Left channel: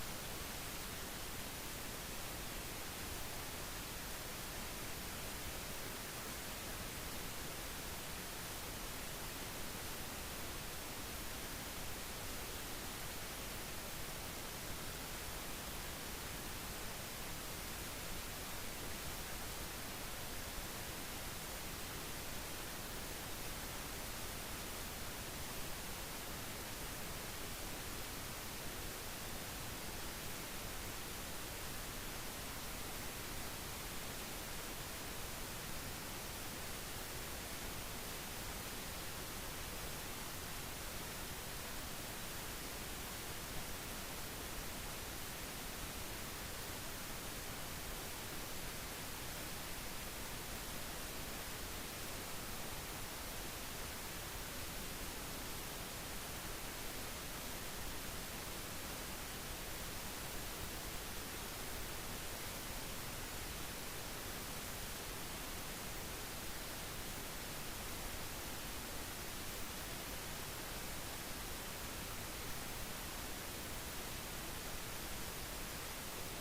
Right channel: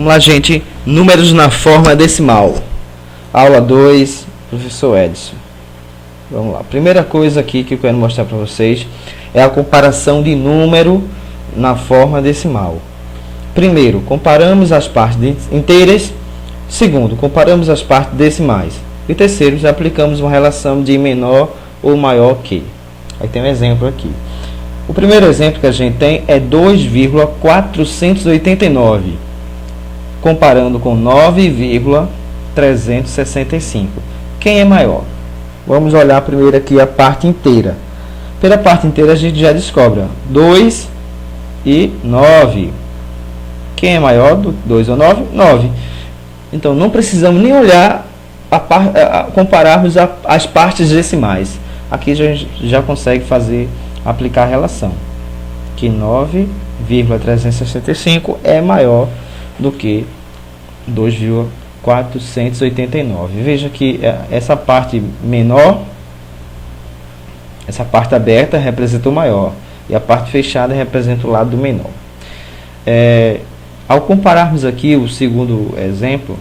Vamos lá, gente. Números na forma decimal. Aula 2, professor Edson. Vamos lá. Primeira coisa aqui que eu quero mostrar para vocês é a comparação de número na forma decimal. Primeiro, comparamos as partes inteiras. Segundo, comparamos as partes decimais. E terceiro, já aplicamos uma relação de menor ou maior que. Aí tem um exemplo aqui. O primeiro exemplo que a gente tem é 2,489, comparando com 9,365. Quem é maior? Vamos olhar primeiro aqui a parte inteira. Pela parte inteira a gente já descobre 2 e 9. Quem é maior do 2 ou 9? 9. Então não precisamos nem olhar, compararmos as partes decimais. Aqui a gente já consegue aplicar a relação. Que 9,365 é maior do que 2,489. Veja que essa parte menor, essa parte aberta representa o maior e a parte fechada representa o lado do menor. Ao compararmos aqui o segundo exemplo,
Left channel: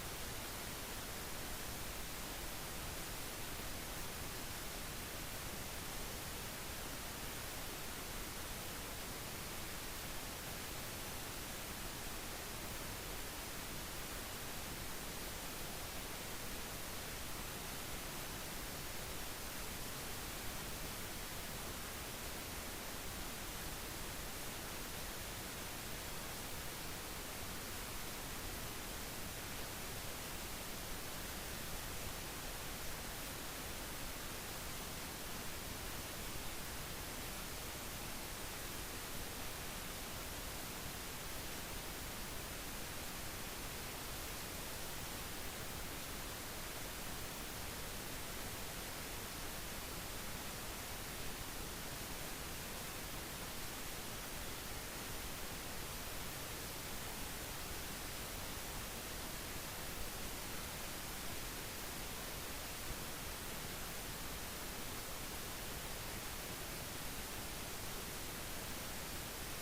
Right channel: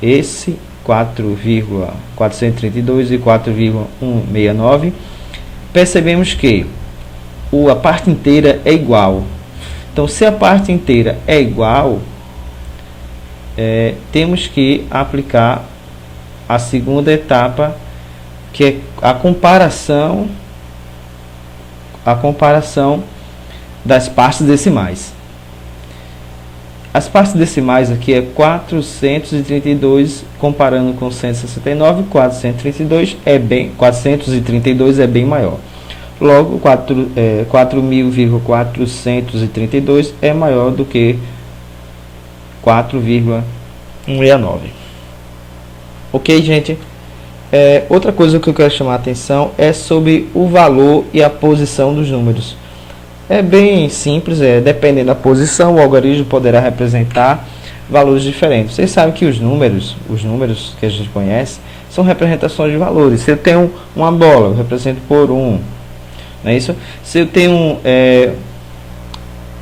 esse 4,432 e 4,169, percebemos que a parte inteira é igual. Então, se a parte inteira é igual, temos que aplicar a segunda etapa, que é a comparação das partes decimais. As partes decimais aqui é 432 comparando com 169, 432 é bem maior. Logo, 4.432 é maior do que 4,169. Ok, gente? Outra coisa que eu quero chamar a atenção é sobre o valor e a posição dos números. É bem simples, dependendo da posição, o algarismo poderá representar valores diferentes. Vocês sabem que os números que a gente conhece, são representações de valores. Se eu tenho uma bola, eu represento por 1. Não é isso? Se eu tenho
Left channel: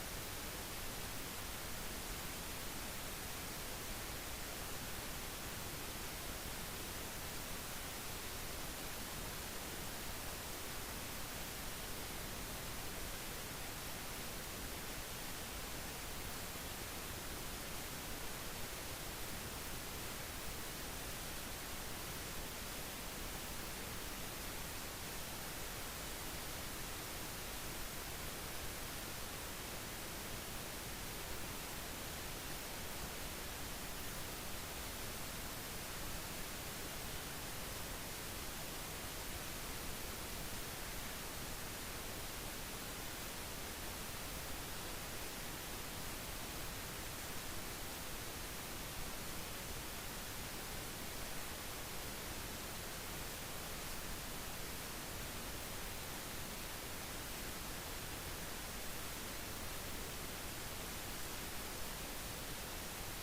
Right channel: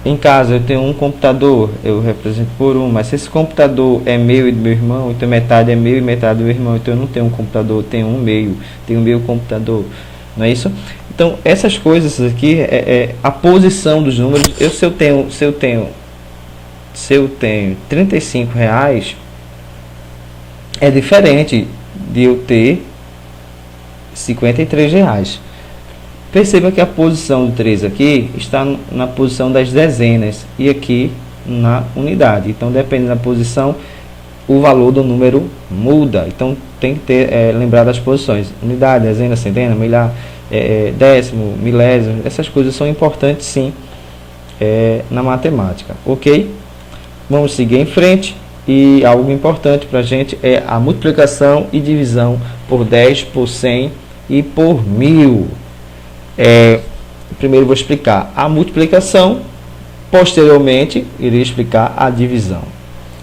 em casa, eu tenho um computador, eu represento por 1. Mas se esse computador é meu e do meu irmão, então metade é meu e metade do meu irmão. Então eu não tenho um computador, eu tenho um meio, tenho meu computador. Não é isso? Então, essas coisas aqui, a posição dos números. Se eu tenho 35 reais, é diferente de eu ter 53 reais. Perceba que a posição do 3 aqui está na posição das dezenas e aqui na unidade. Então, dependendo da posição, o valor do número muda. Então, tem que lembrar das posições: unidade, dezena, centena, milhar, décimo, milésimo. Essas coisas são importantes, sim, na matemática. Ok? Vamos seguir em frente. E algo importante para a gente é a multiplicação e divisão por 10, por 100 e por 1000. Primeiro vou explicar a multiplicação, posteriormente irei explicar a divisão.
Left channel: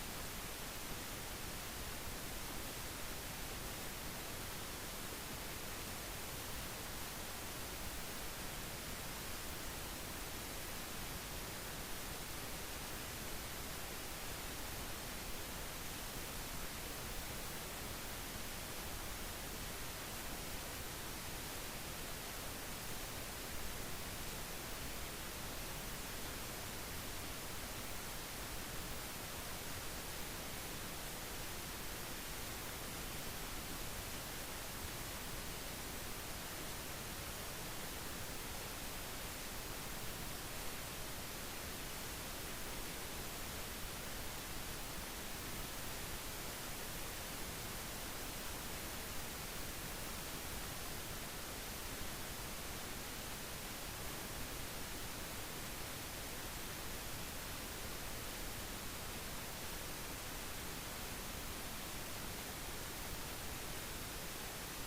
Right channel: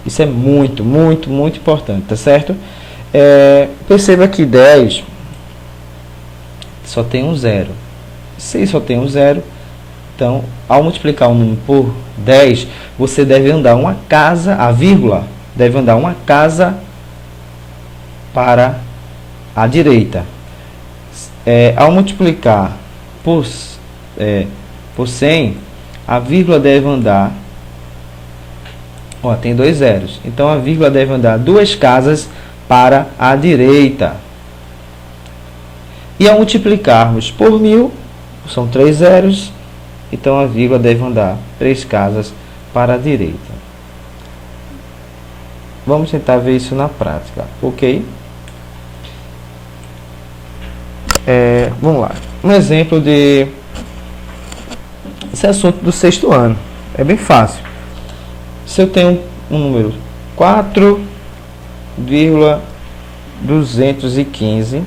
Isso é muito, muito, muito importante, tá certo? Perceba que 10 só tem um zero. Se só tem um zero, então, ao multiplicar um número por 10, você deve andar uma casa, a vírgula deve andar uma casa para a direita. Ao multiplicar por 100, a vírgula deve andar, tem dois zeros, então a vírgula deve andar duas casas para a direita. E ao multiplicarmos por 1000, são 3 zeros, então a vírgula deve andar 3 casas para a direita. Vamos tentar ver isso na prática, ok? Vamos lá. Um exemplo de esse assunto do 6º ano. É bem fácil. Se eu tenho um número 4,215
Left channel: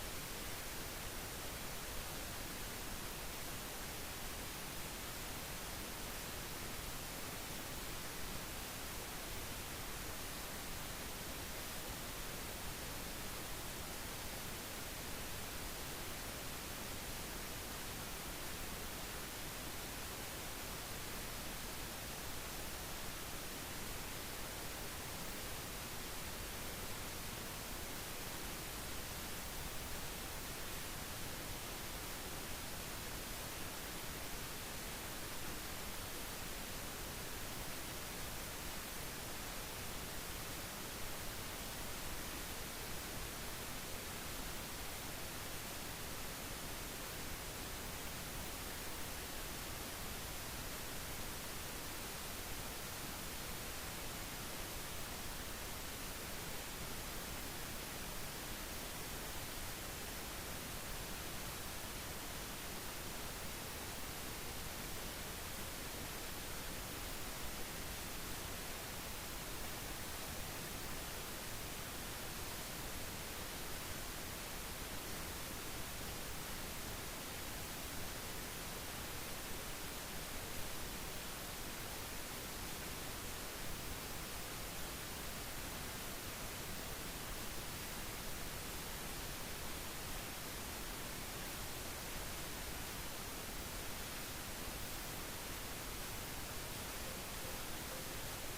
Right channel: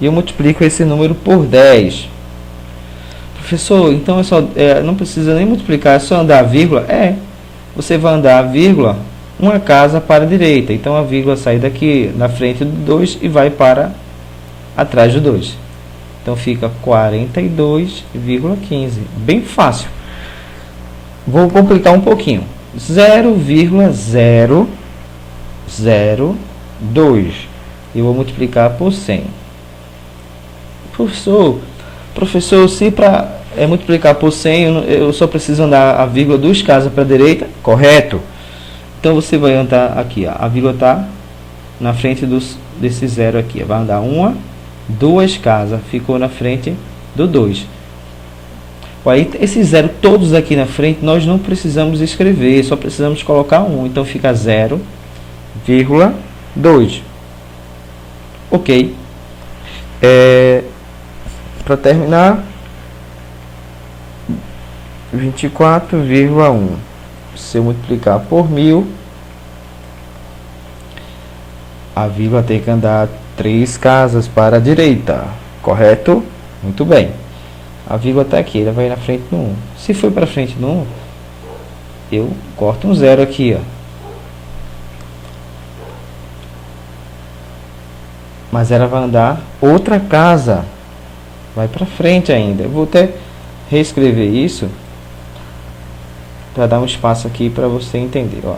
e eu multiplico esse número por 10. Professor, então não precisa nem multiplicar, é só andar a vírgula? Você vai andar a vírgula uma casa para a direita. Então a vírgula sai daqui na frente do 2 e vai para atrás do 2. Então fica 42,15. Bem fácil. Vou complicar um pouquinho. 0,002. Eu vou multiplicar por 100. Professor, se para multiplicar por 100, eu só preciso andar a vírgula 2 casas para a direita? Correto. Então você vai andar aqui, ó, a vírgula está na frente desse zero aqui. Vai andar uma, 2 casas, ficou na frente do 2. Aí esses zero todos aqui na frente nós não precisamos escrever, só precisamos colocar 1. Então fica 0,2. Ok. Para terminar, 24,1. Se eu multiplicar por 1000, a vírgula tem que andar 3 casas para a direita. Correto? Muito bem. A vírgula está aqui, ela vai na frente do 1. Se for para frente do 1, eu corto um 0 aqui, ó. Mas ela vai andar outra casa. Vai para frente ainda. Eu vou até reescrever isso para dar um espaço aqui para você entender, ó.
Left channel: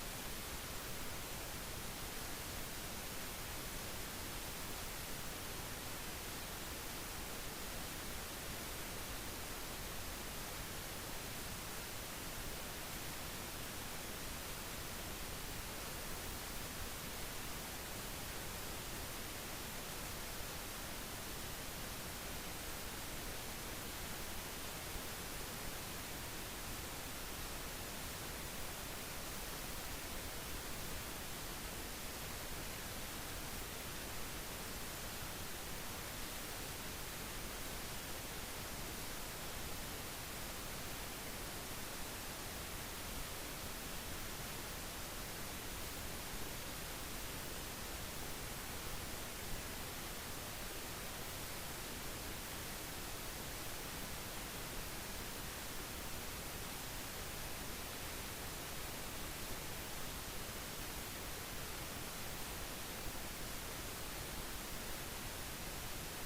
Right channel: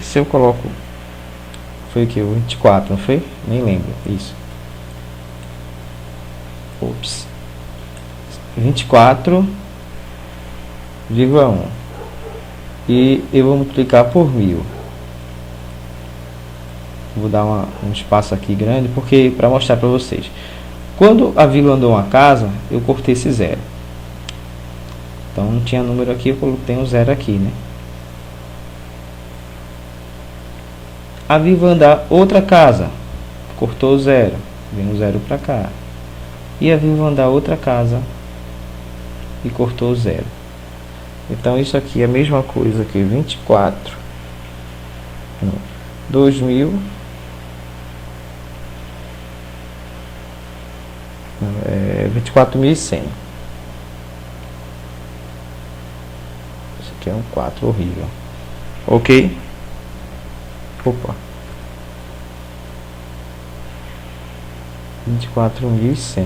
Se eu coloco, foi o que? O 24, não foi? Nem lembro. Isso. Ops. 24,1. E eu vou multiplicar por 1000. Vou dar um espaço aqui grande, porque para mostrar para vocês. Quando a vírgula andou uma casa, eu cortei esse 0. Então não tinha número aqui, eu coloquei um 0 aqui, né? A vírgula andar outra casa, cortou o 0, vem um 0 para cá. E a vírgula andar outra casa e cortou o 0. Então isso aqui é a mesma coisa que 2000 24.100. Isso aqui é um 4 horrível. Ok? Opa. 24.100.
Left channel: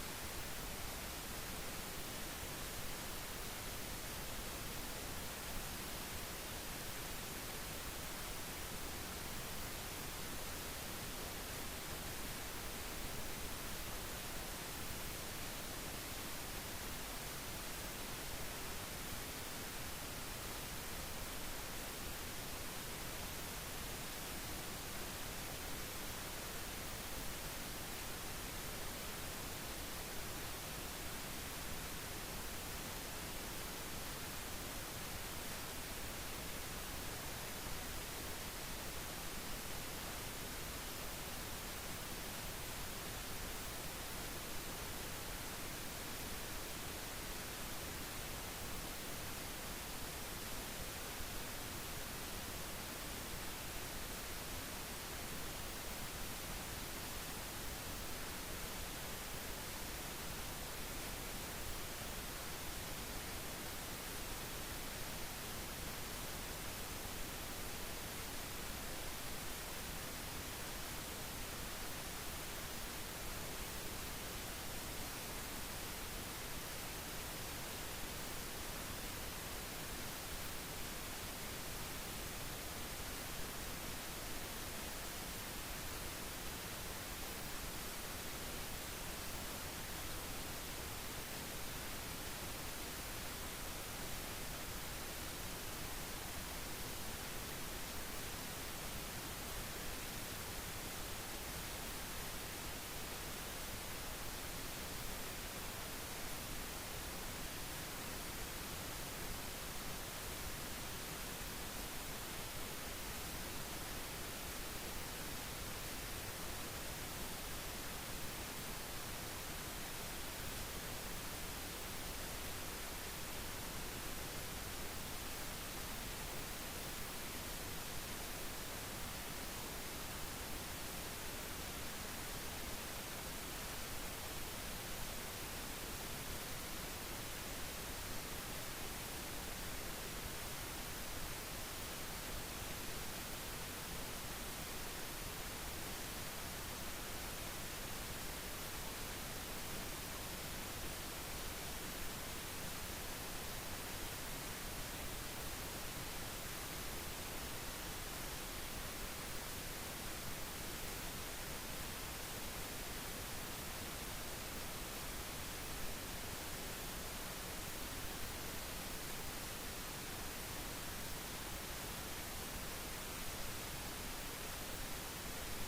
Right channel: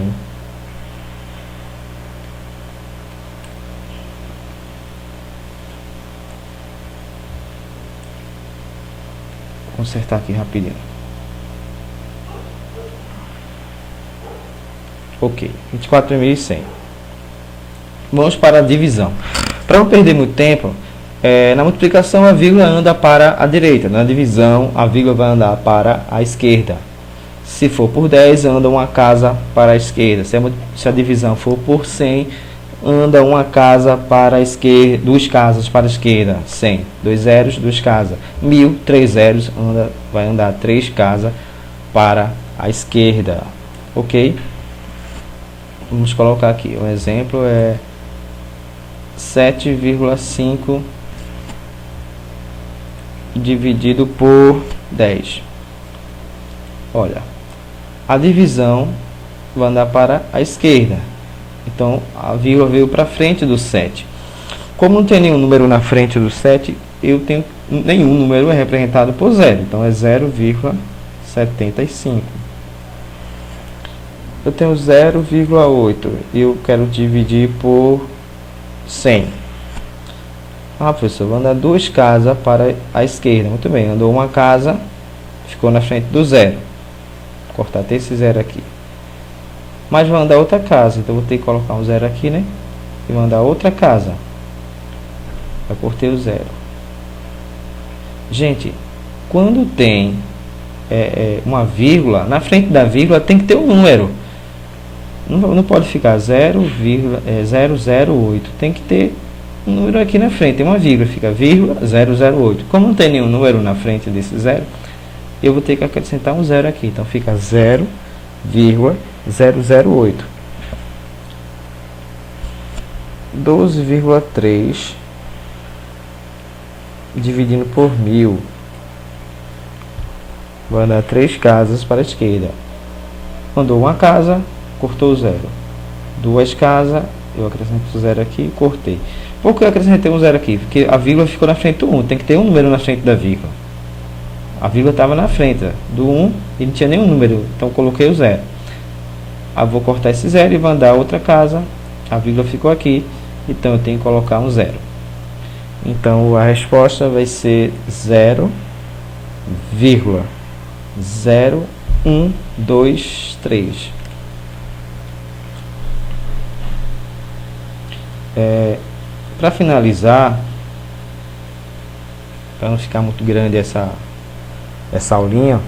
Vou consertar aqui rapidinho. Ok, 24.100. Vamos para a divisão. Para não perder muito tempo, na multiplicação a vírgula anda para a direita. Na divisão a vírgula vai andar para a esquerda. Se for por 10, anda uma casa para a esquerda. Se a divisão for por 100, anda uma casa para a esquerda, 2 casas para a esquerda. 100, 2 zeros, 2 casas. 1000, 3 zeros, vai andar 3 casas para a esquerda. Ok? Vamos colocar aqui, um exemplo é 7,5 dividido por 10. Olha, a divisão vai andar para a esquerda. Então, a vírgula veio para frente do 7. Como não tem nenhum número na frente do 7, eu tenho nenhum número é representado por 0. Então, é 0,75. Eu tenho 0,8 e eu quero dividir por 100. Professor, vou andar 2 casas para a esquerda. Muito bem, andou uma casa, ficou na frente do 0. Vou cortar até esse 0 aqui. Mas vai andar outra casa, então vou ter que colocar um 0 aqui, né? E vou andar outra casa. Eu cortei o 0. Gente, quando tem uma vírgula, na frente da vírgula tem que ter um número. Não pode ficar 0,008. Tem que ter um número aqui na frente. Tem uma vírgula, fica vírgula 008. Como não tem nenhum número na frente desse 0, eu vou ter que acrescentar um 0 aqui. Então fica 0,008. 12,3 dividindo por 1000. Vai dar 3 casas para a esquerda. Andou uma casa, cortou o 0. 2 casas, eu acrescento o 0 aqui e cortei. Por que eu acrescentei um 0 aqui? Porque a vírgula ficou na frente do 1. Tem que ter um número na frente da vírgula. A vírgula estava na frente do 1 e não tinha nenhum número. Então eu coloquei o 0. Aí vou cortar esse 0 e vou andar outra casa. A vírgula ficou aqui. Então eu tenho que colocar um 0. Então a resposta vai ser 0,0123. Para finalizar, para não ficar muito grande essa aulinha,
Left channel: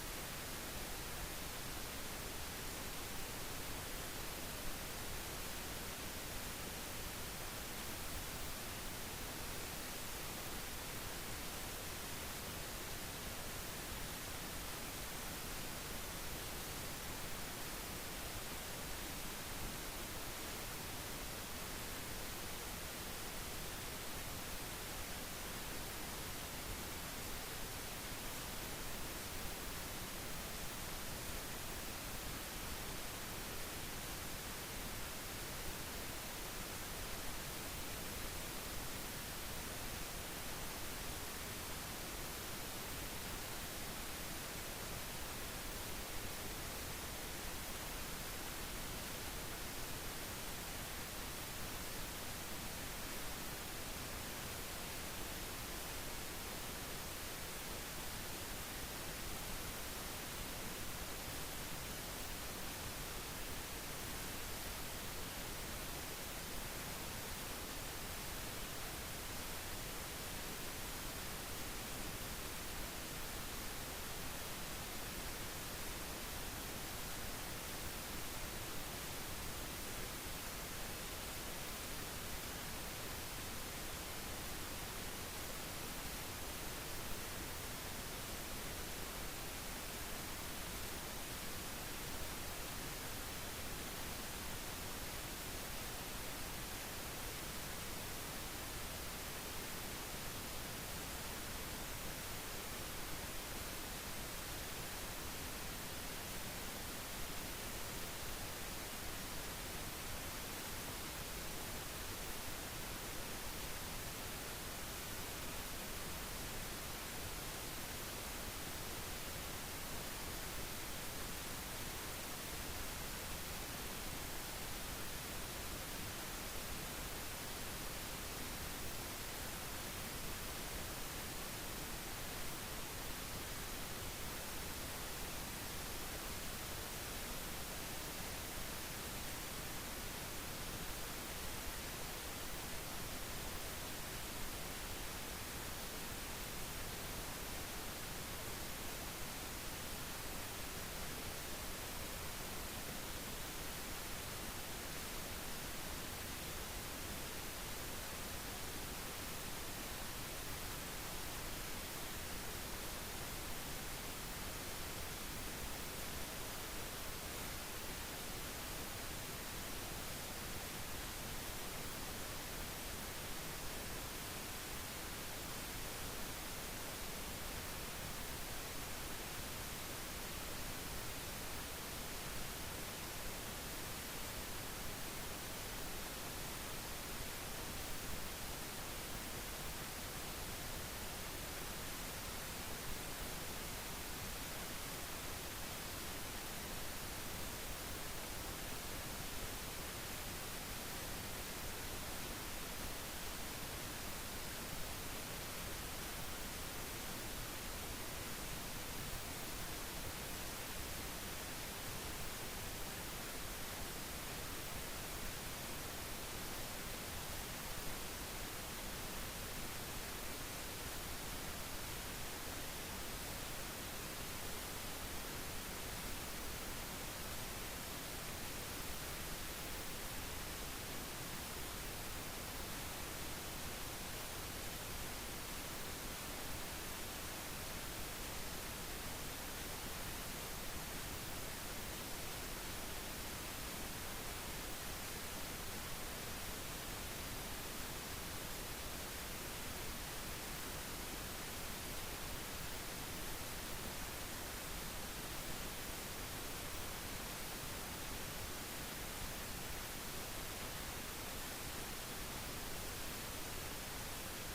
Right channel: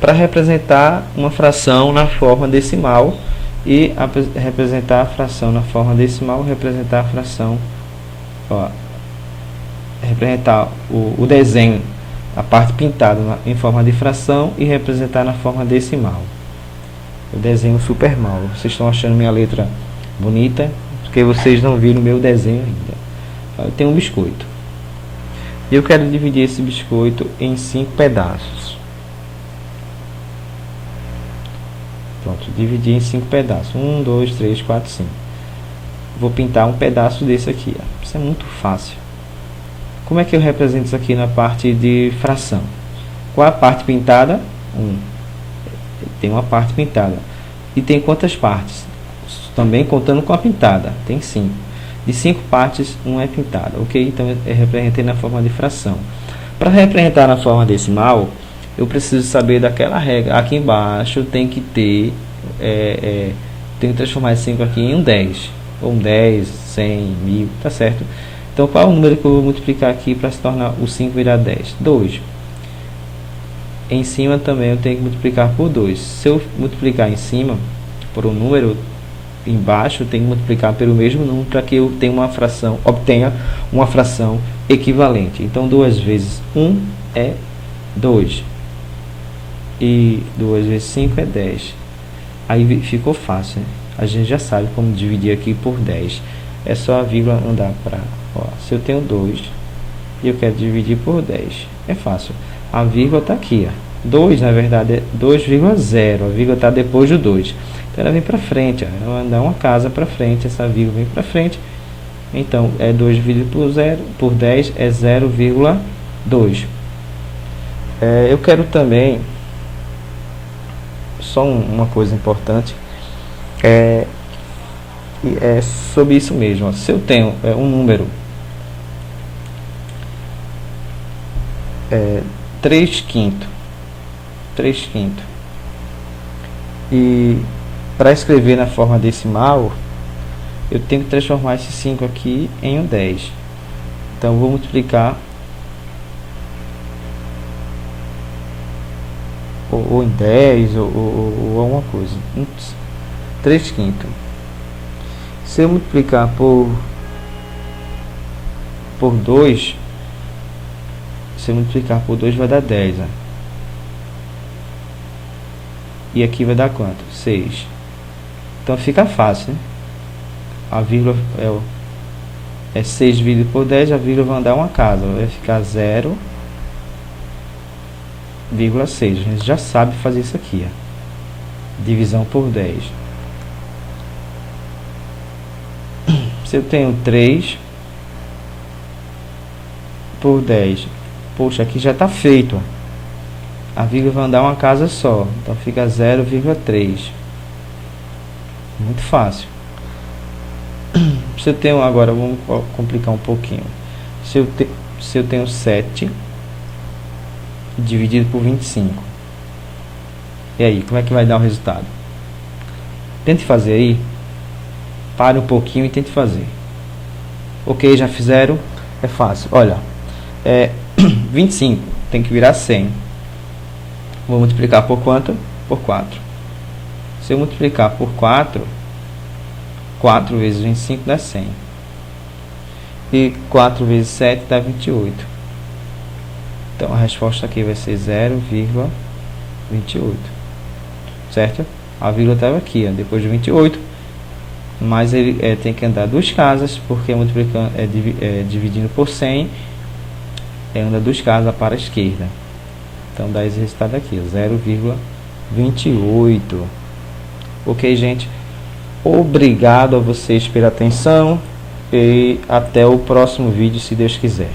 para representar uma fração na forma decimal e representar a fração na forma decimal, representar a fração, representar o desenho, a parte pintada em forma de fração e representar na forma decimal. Eu desenho super mal. Vocês estão achando minha letra bonita porque vocês não viram meu desenho ainda. Eu tenho um biscoito e eu quero dividir esse biscoito em 5 pedaços. Pronto, dividi em 5 pedaços. 1, 2, 3, 4, 5. Vou pintar um pedaço desse aqui. Isso é muito fácil. Como é que eu represento isso aqui na parte de fração? Qual a parte pintada? 1. Tem uma parte pintada. E tem quantas partes? Também contando com a pintada. Tem 5. De 5 partes, 1 é pintada. Ok? Então eu representei na forma de fração. Para representar na forma decimal, eu preciso saber daquela regra. Aqui embaixo tem que ter, tem que transformar esse 5 aqui em um 10. Ou um 10, 100, 1000, tá certo? Então qual é o número que eu vou multiplicar aqui para se tornar o 5 virar 10? 2. Em cima também eu tenho que multiplicar por 2. Se eu multiplicar em cima por um número, embaixo eu tenho que multiplicar pelo mesmo número para que eu tenha obtenha uma fração equivalente. Então 2 vezes 1 é 2. E 2 vezes 5 é 10. Aí ficou fácil, né? A gente já sabe como dividir aqui por 10. É só a vírgula andar para... se eu tenho 2 e eu quero dividir por 10, é fácil. A vírgula está aqui. 2, na verdade, é 2,0. A vírgula está depois do 2. Então ela vem para frente. Ela vai andar uma casa para frente. Essa vírgula vem para frente. Então, 2 dividido por 10 é 0,2. Eu quero também... Só uma coisa importante, é sobre isso mesmo. Se eu tenho um número 3/5, e para escrever na forma decimal, eu tenho que transformar esse 5 aqui em um 10. Então eu vou multiplicar ou em 10 ou alguma coisa. 3/5. Se eu multiplicar por 2, se eu multiplicar por 2 vai dar 10, né? E aqui vai dar quanto? 6. Então fica fácil, né? A vírgula é 6 dividido por 10, a vírgula vai andar uma casa, vai ficar 0,6. A gente já sabe fazer isso aqui, ó. Divisão por 10. Se eu tenho 3 por 10, poxa, aqui já está feito, ó. A vírgula vai andar uma casa só, então fica 0,3. Muito fácil. Se eu tenho agora, vamos complicar um pouquinho. Se eu tenho 7 dividido por 25, e aí, como é que vai dar o resultado? Tente fazer aí. Pare um pouquinho e tente fazer. Ok, já fizeram? É fácil. Olha, 25 tem que virar 100. Vou multiplicar por quanto? Por 4. Se eu multiplicar por 4, 4 vezes 25 dá 100. E 4 vezes 7 dá 28. Então a resposta aqui vai ser 0,28. Certo? A vírgula estava aqui, ó, depois de 28. Mas ele tem que andar 2 casas, porque multiplicando, dividindo por 100, anda 2 casas para a esquerda. Então dá esse resultado aqui, 0,28. Ok, gente? Obrigado a vocês pela atenção e até o próximo vídeo, se Deus quiser.